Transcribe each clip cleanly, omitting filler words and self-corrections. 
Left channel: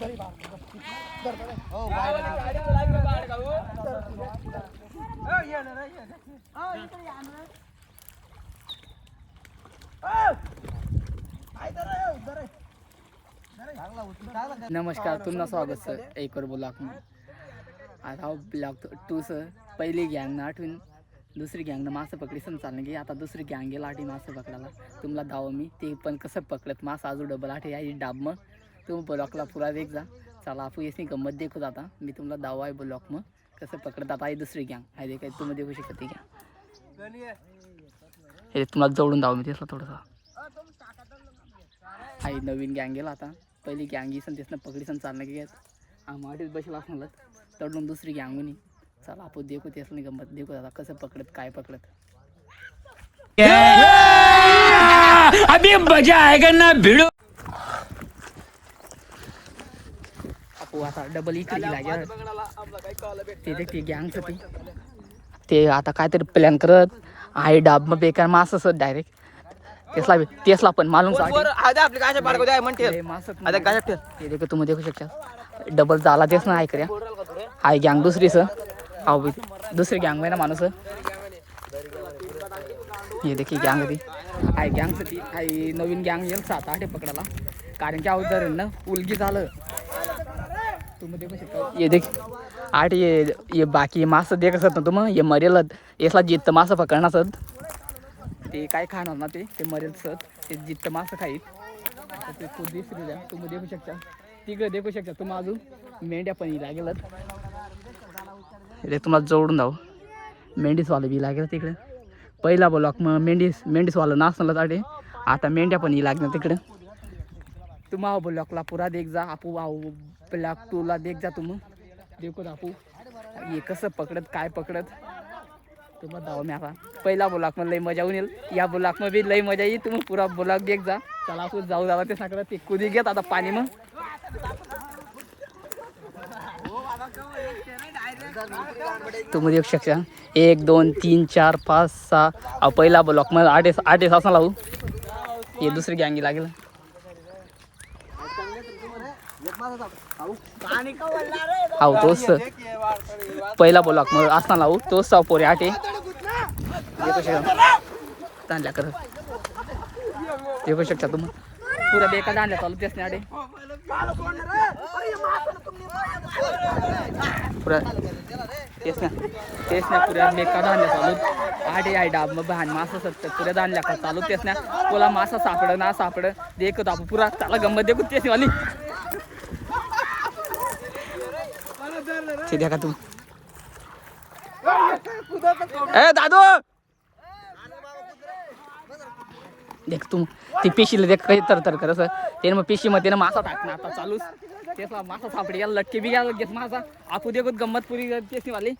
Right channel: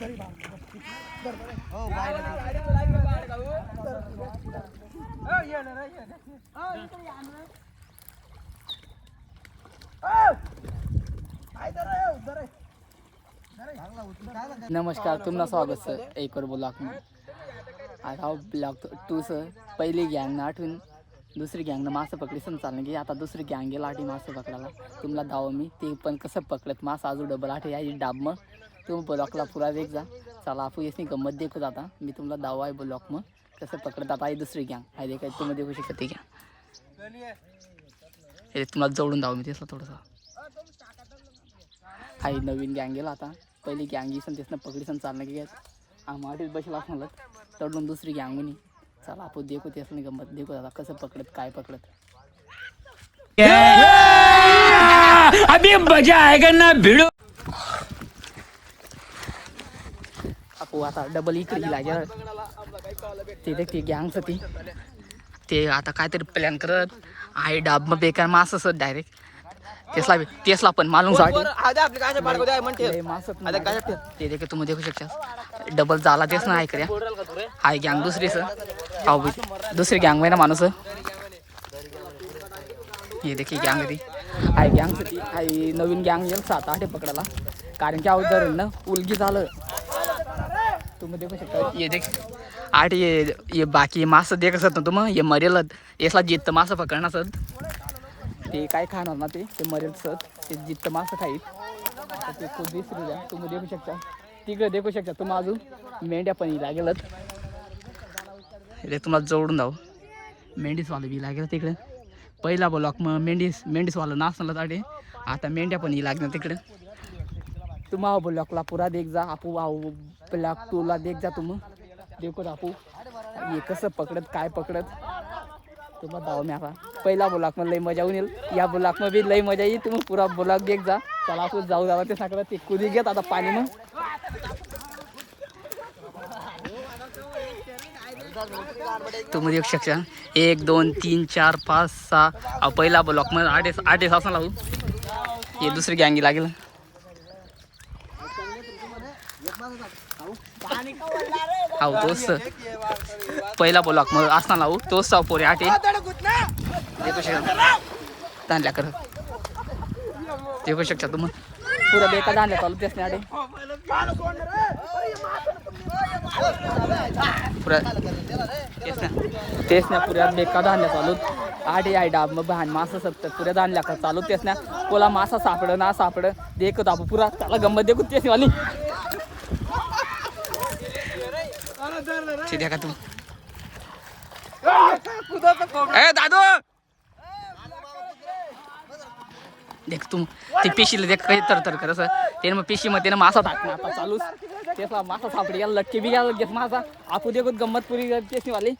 नमस्कार, तुमचं स्वागत सर एक और ब्लॉग में. आता ब्लॉग 2 सर. पहिली गँग आठवून दुसरी गँगनं मासे पकडी सण चालणे की आता दुसरी गँग गेला आठी मासे पकडायला. तुम्हाला दाव मी ते पण कसं पकडत मासा अजून डबल आठी आहे डाब. मग तुम्ही ब्लॉकला पुरा वेग जा. चला आपण याची गंमत देखू जाता. मी तुम्हाला दाव आहे ब्लॉक मग कसं पकडत आता आहे दुसरी गँग आहे ते काय तुम्ही देखू शकता. ठीक आहे, हे तुम्हाला जोडून दाव मी तेसला थोडंसं आहे. नवीन गँग गेला आता. पहिली गँग सण तेसनं पकडी सण चालणं की आम्हालाच बसला म्हणलं तडून दुसरी गँगुनी. चला आपण देखू तेसलं गंमत देखू दादा कसं पकडत काय पकडत. अभी मजा आएगा ना भिड़ो. आपण आता डबल इकडे लागेल ते देख ते गँगचं ती ते आता काहीतरी प्लॅन करत आहे. डाब मग बेकार मास असत डायरेक्ट तेसला पण मालूम ते देख तुम्ही देखू शकता. डबल झाला तेच ना ऐकऱ्या हाय गँग दुसरी सर. हाव दुसरी गँग आहे ना माणूस. हे देखी गँग ती हाय गँगचं ती हाय नवीन गँग येईल 7-8 पकडायला. कारण की अवधार ना उलगी झालं तुम्ही देखू शकता. ये देख 8 ये बाकी मासं देख असत ना तुम्ही हे मरेल यासला जित्त मासं पकडणं असत. ते काय खाणार ना ते मरेल सर. ते जित्त मासं खाईत आता ते खूप दिसरी द्या तुम्ही देखू शकता. तिकडे देखू शकता तुम्ही अजून मेंढ्या पण लागेलच. हे तुम्हाला जोडून जाऊ मेंढीसवालं बी लागेल तिकडे. पहिला ब्लॉक मग मेंढीसवालं नाचलं ताडे आता मेंढ्या पण लागणार तिकडं. तुम्हा ब्लॉकला पुरा देख जा. आपू ब्लॉक 2ला देख जा तुम्ही देखो आपू हे कसं पकडत काय पकडत तुम्हाला दाव मी. आता पहिला ब्लॉक मध्ये लई मजा येऊन येईल. या ब्लॉक मध्ये लई मजा येईल. तुम्ही पुरा ब्लॉक देख जा. चला आपण जाऊ जावा ते सांगत ते कुदी घेत आता पाणी मग तुम्ही देऊ शकता. 1 2 3 4 5 6 पहिला ब्लॉक मध्ये 8 असं लावू. हे दुसरी गँगी लागेल. हाव तोच पहिला ब्लॉक मध्ये असता लावू तोच साव पोरे 8 देखू शकता. दांडल्या करत देखू शकता तुम्ही पुरा बेका दांडल्या चालू तेच नाही 8 पुरा तेच ना पुऱ्या बेका दांडल्या चालू 8 आहे डाब मग बहान मासा सत्तर पुऱ्या दांडल्या का चालू तेच ना. कोला मासा सापड ना सापड देखत आपण पुरा त्याला गंमत देखू तेच वाली देखा का तू ए दादू देख तू ती पेशीला देख काही तर कर सर. ते मग पेशी मध्ये ना मासा टाकणं आता चालूच तेच मासा सापडी गेला लटके बी गेला घेत मासा आपू देखत गंमत पुरी तेच वाली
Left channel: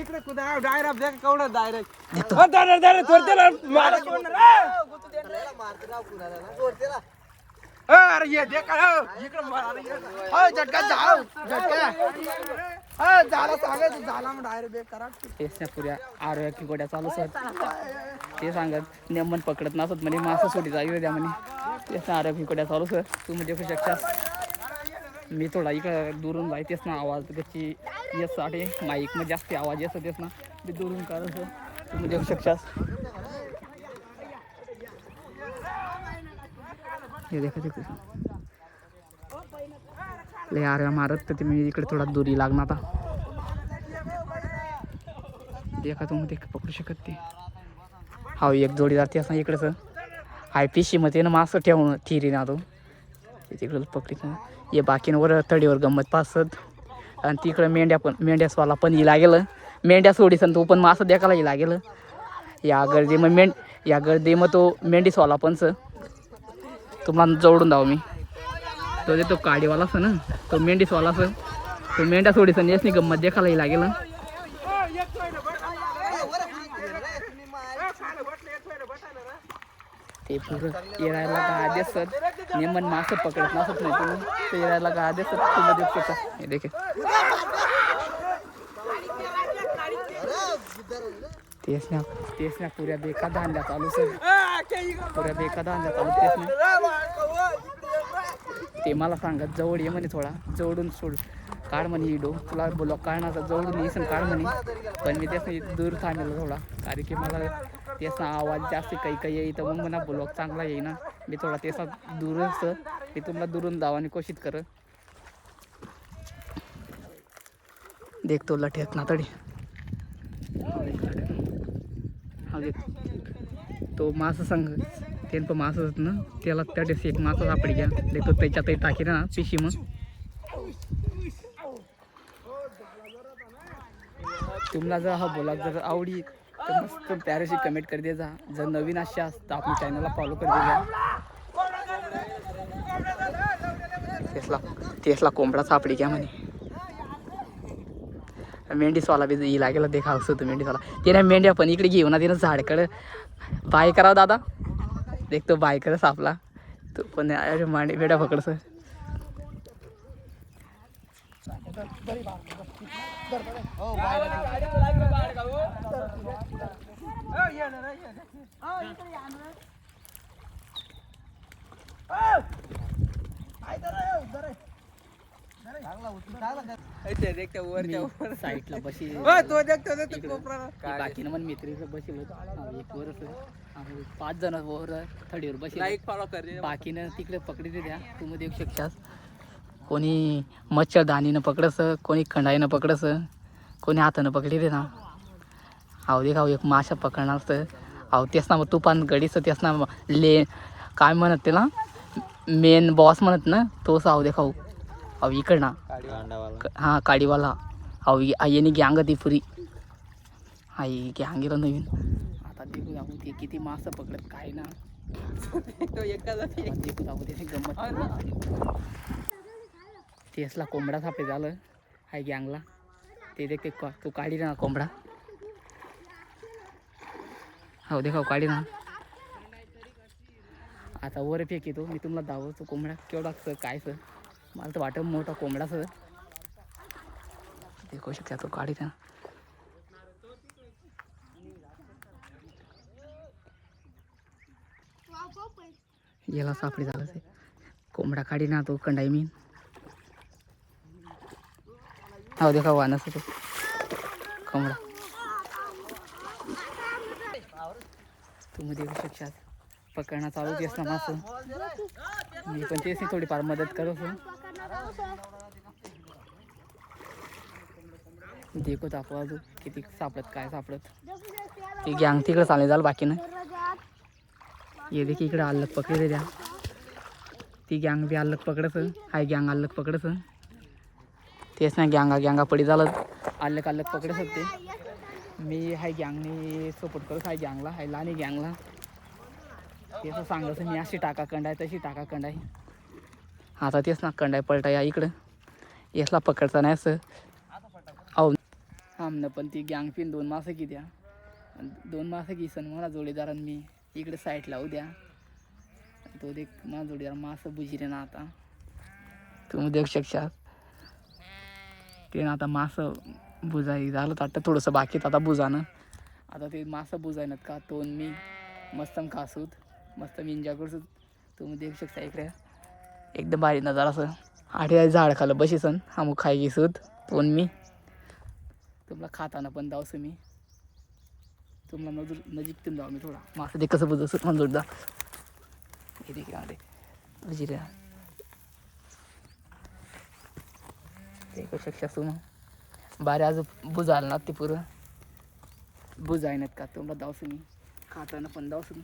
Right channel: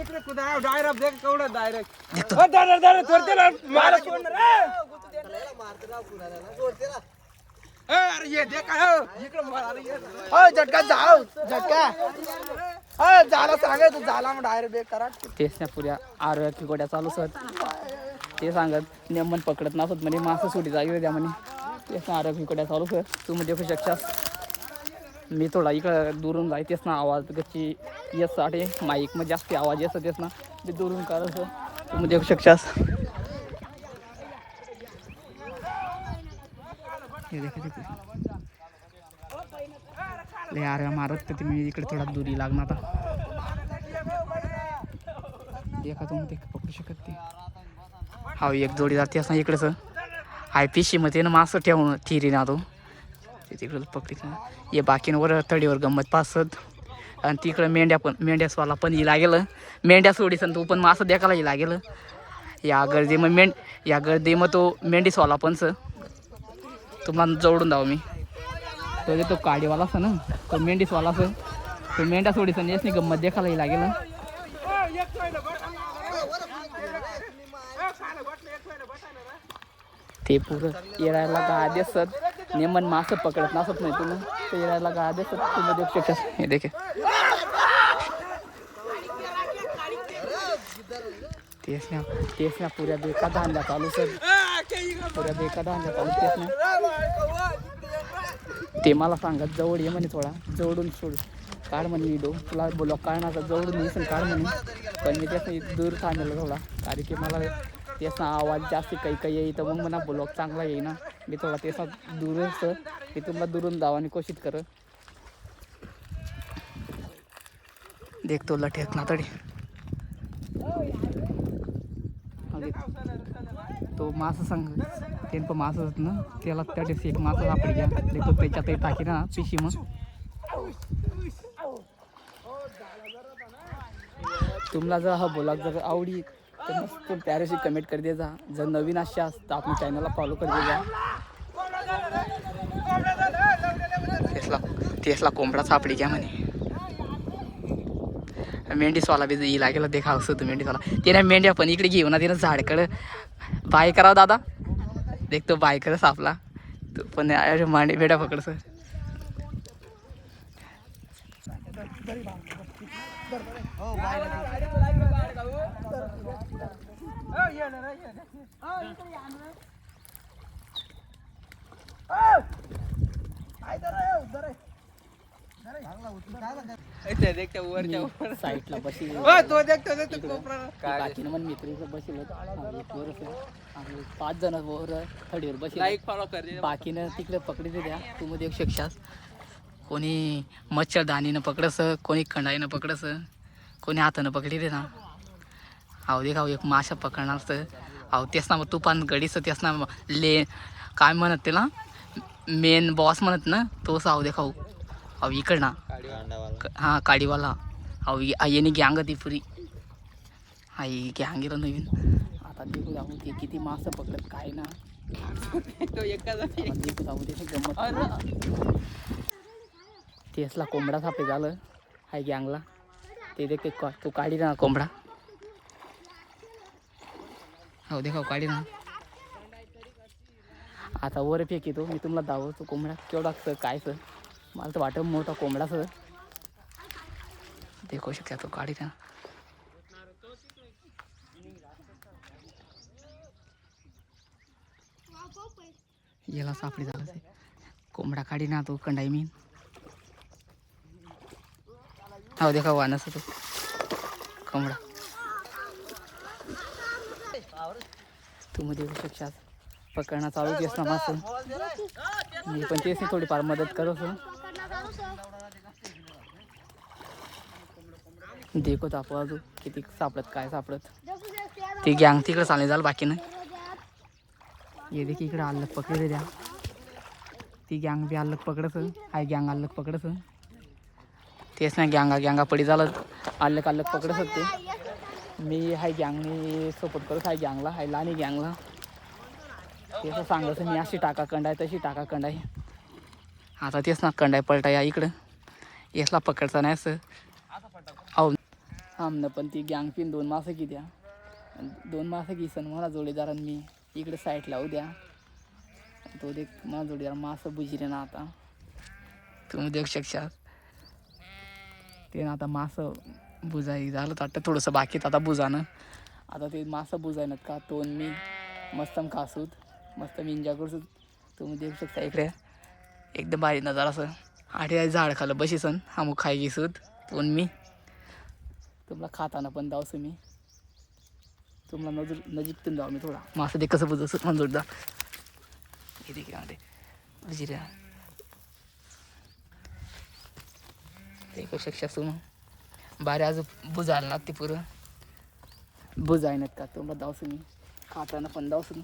इकडे कुदा डायरेक्ट देख कवडा डायरेक्ट देखतो अरे ये देख इकडे मार झटका जाव झटका झाला सांगत झाला मग डायरेक्ट बेक करा. तेच ना पुऱ्या आरोग्य गोड्या चालू सर ते सांगत नेमन पकडत नसत म्हणे मासं सोडी जागी द्या म्हणे. तेच ना आरोग्य गोड्या चालू सर तुम्ही देखू शकता. मी थोडा इकडे दुरून जाय तेच ना आवाज कशी येत साठी माईक मध्ये जास्त आवाज येत तेच ना मी दुरून काढू सर तुम्ही देखू शकता. हे देखा देखो ले यार मारत तर तुम्ही इकडे थोडा दुरी लागणार. आता देखा तुम्ही देख पकडू शकत ते हा एक जोडी जाते असं इकडेच हाय पिशी मध्ये ना मासं ठेवून थिरी ना तो तिकडे पकडीत ये बाकीवर तडीवर गंमत पासत. आणि तिकडे मेंढ्यासवाला पण ही लागेल. मेंढ्या सोडीस तो पण मासं देखायला ही लागेल. या गर्दी मग या गर्दी मग तो मेंढीसवाला पण सर तुम्हाला जोडून दाव मी. तो काडीवाला असं ना तो मेंढीसवाला असं तो मेंढ्या सोडीस येस नाही गंमत देखायला लागेल. ते पुरं येरायला गा देसत नेमन मासं पकडत नसत नाही तुम्ही ते येरायला गा देसत तुम्ही देखू हे देखे तेच ना पुऱ्या बेका धांड्या चालू सर पुऱ्या बेका धांड्या चालू तेच ना ते मला सांगत जवळ ये म्हणे, थोडा जवळून सोड काढ म्हणे व्हिडिओ, तुला बोलव काढणार जवळून येसन काढ म्हणे. पण मी त्याचं दूर थांबलेलं थोडा, कारण की मला त्याचा आवाज जास्त काही काही येतं, मग म्हणा ब्लॉग चांगला येईना. मी थोडा त्याचा दूरच मी तुम्हाला दुरून धावानी कोशिश कर. देखतो लठेक ना तडी तो मासा संग ते पण मासा होत ना, त्याला त्या दिवशी एक मासा सापडी घ्या देखतो, त्याच्यातही टाकी ना पिशी. मग तुम्हाला जर हा ब्लॉग जर आवडी तर मस्त प्यारेशी कमेंट कर दे जा. जर नवीन अशा तर आपल्या चॅनलला फॉलो कर दे जा. तेसला कोंबडा सापडी घ्या म्हणे. मेंढीसवाला बी ही लागेल देखा असं होतं मेंढीसवाला. तिने मेंढ्या पण इकडे घेऊ ना, तिनं झाडकडं बाय करावं दादा. देखतो बाय कर सापला तो पण मांडी मेंढ्या पकडस. साईडला बशी बाकी मन मित्र बसलो एक वर आम्ही 5 जण वर थडीवर बसले. बाकीनं तिकडे पकडी द्या. तुम्ही देऊ शकशास. कोणी मच्छरदानीनं पकडस, कोणी खंडाईनं पकडस, कोणी हातानं पकडी दे ना. अहो दे खाऊ एक माशा पकडणार तर अहो तेच ना, मग तुपान गडीचं तेच ना ले काय म्हणत त्याला मेन बॉस म्हणत ना, तोच अहो दे खाऊ. अहो इकड ना हां काडीवाला. अहो येणे गँग ती पुरी आई गँगेला नवीन. आता देखू जाऊ ते किती मासं पकडत काय ना. देखू जाऊ ते गंमत. केसला कोंबडा सापे झालं हाय गँगला. ते देख ते तू काढी ना कोंबडा. हो देखाव काढी ना. आता वर फेक येतो मी तुम्हाला दावतो कोंबडा केवढा काय सर. मला तर वाटत मोठा कोंबडा सर. देखू शकता तो काढी ना. याला सापडी झालं ते कोंबडा काढी ना तो कंडाई मीन. हो देखा वानस तो कोंबडा. तुम्ही देखू शकता पकडणं चालू केस ना मासं. मी पण तेच नाही थोडीफार मदत करू. देखत आपण अजून किती सापडत काय सापडत. ती गँग तिकडे चालणे झालं बाकी नाही. ये देखील इकडे अल्लग पकडे द्या. ती गँग बी अल्लग पकडस हाय गँग अल्लग पकडस. तेच नाही गँगा पडी झालं अल्लग पकडस ते. मी हाय गँगनी सपोर्ट करूच हाय गँगला हाय लानी गँगला. ते असं सांगायचं मी अशी टाका कंडाय तशी टाका कंडाय. आता तेच ना कंडाय पलटा या इकडं यसला पकडचा नाही असं. अहो आमनं पण ती गँग पिन 2 मासं की द्या. 2 मासं की सन मला जोडीदारांनी इकडे साईड लावू द्या. तो देख मला जोडीदार मासं बुजिरे ना. आता तुम्ही देऊ शकता ते ना. आता मासं बुजाई झालं तर आता थोडंसं बाकीत आता बुजानं. आता ते मासं बुजायनात का तो मी मस्त खासूत मस्त मी एन्जॉय करसूत. तुम्ही देऊ शकता इकडे एकदम भारी नजारा असं. आठी झाड खालं बशीसन आमू खाय घेसूत तो मी. तुम्हाला खाताना पण जाऊस मी तुम्हाला नजीकतून जाऊ मी थोडा. मासं ते कसं बुजवस पण जोडदा हे देखील बुजिरे देखू शकता तुम्ही. बारे अजून बुजायला ना ते पुरं बुजायनात का तुम्हाला जाऊस मी खाताना पण जाऊस मी.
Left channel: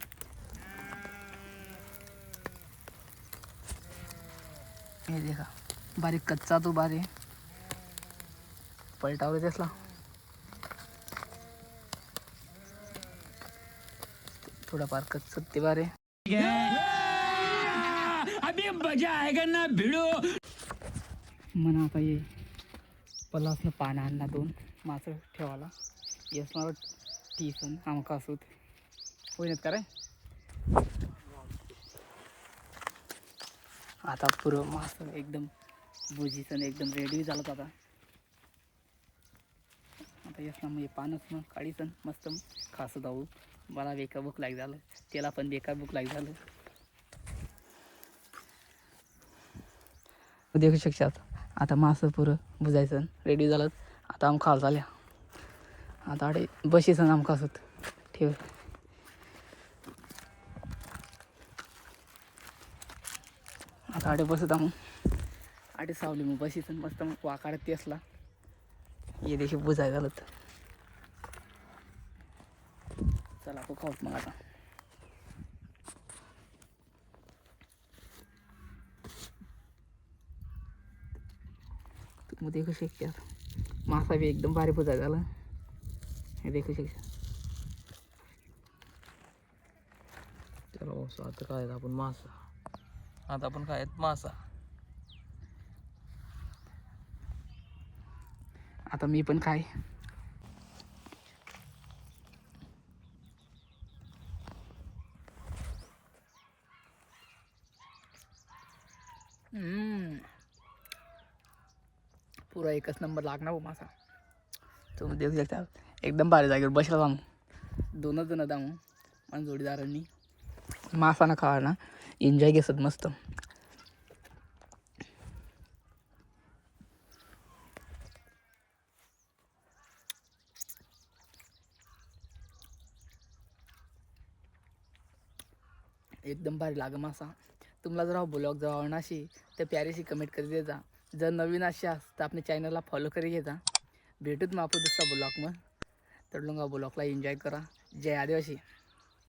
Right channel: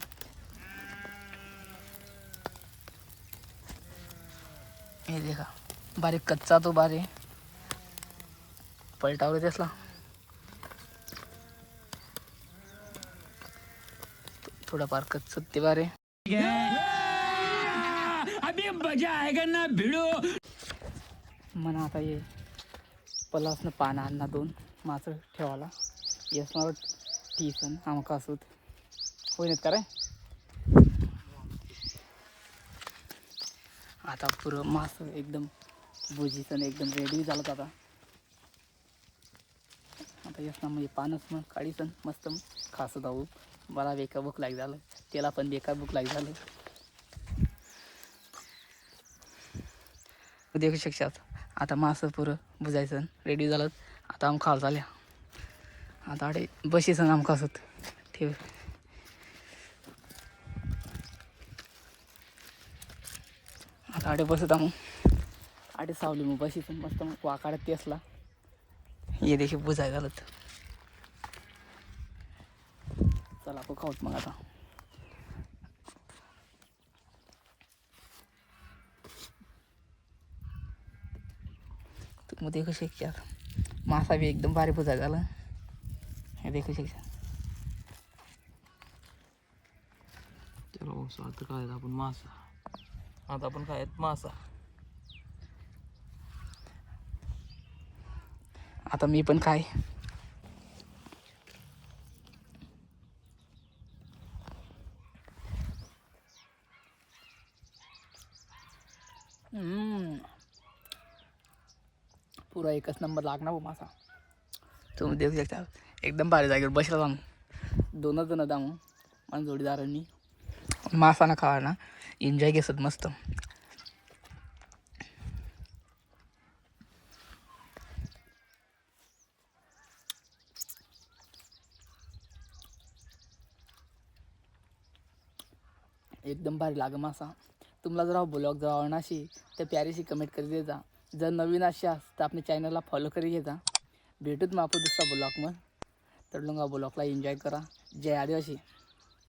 हे देखा बारीक कच्चा तो बारे पलटावर तेसला थोडाफार कच्च ते बारे. अभी मजा आएगा ना भिडो. म्हणा आता ये पलासनं पानं आणणार 2 मासं ठेवायला. येस मला टीसन आमका असूत होईनच का रे. आता पुरं मासं एकदम भुजीसन एकदम रेडी झालं. आता येस ना मग पानच मग काढीसन मस्त खासं जाऊ. मला बेकार भूक लाग झालं त्याला पण बेकार भूक लाग झालं. देखू शकतात. आता मासं पुरं बुजायचं रेडी झालं. आता आम खाल झाल्या. आता आडे बशीचं आमकां असत ठेव. आता आडे बसत आम आडे सावली मग बशीचं मस्त मग वाकाडत ते असला ये देखील बुजाय झालं. चला आपण खाऊत मग आता. तुम्ही देखू शकता मासा बी एकदम भारी बुजाय झाला. हे देखू शकता. चला आता काय आपण मासा. आता आपण काय मासा. आता मी पण काय पुरा एकच नंबर लागणार हो मासा. तुम्ही देखू शकता एकदम भारी जागेवर बसला जाऊन 2 जण जाऊ माझ्या जोडीदारांनी मासा ना खावा ना एन्जॉय घेसत मस्त. एकदम भारी लाग मासा. तुम्हाला जर हा ब्लॉग जर आवडला अशी तर प्यारीशी कमेंट करी दे जा. जर नवीन अशी तर आपल्या चॅनलला फॉलो करी घे जा. भेटूत मग आपण दुसरा ब्लॉग मग तर ब्लॉगला एन्जॉय करा. जय आदिवासी.